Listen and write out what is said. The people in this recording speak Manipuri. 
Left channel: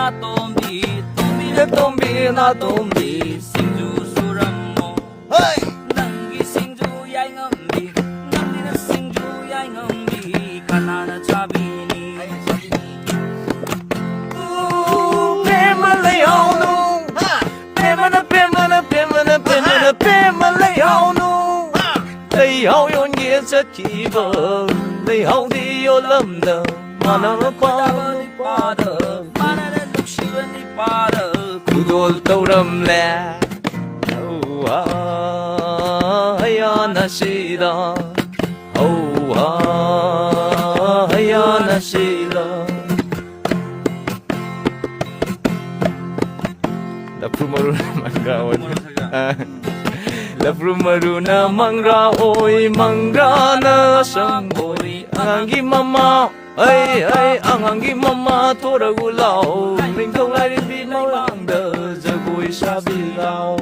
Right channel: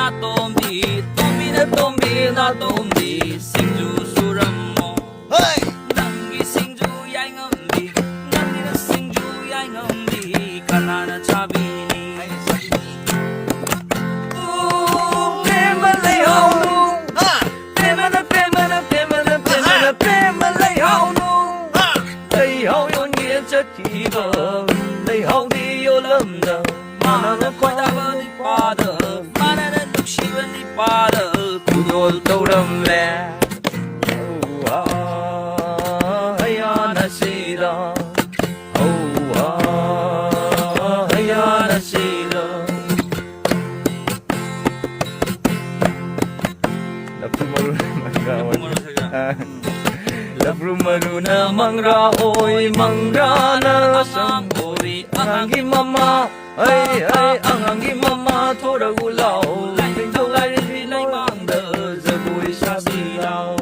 na tombi na tombi singju suramo hey nangi singju yai ngambi nangi na singju yai ngambi kanana chabini prema lay haunu ha prema na lay haunu lay hau yon ye cha ki ba lay hau di yo lam da mana na koi da ba ni pa da mana na duk shi ba ni pa da kudol tauram le oh ah ya na shida oh ah ya na shida Lapru maruna mangra oi mangra na sambori angangi mama ai ai angangi mama thora gulao thing thong lai ri lai mang da jagoi sabi lao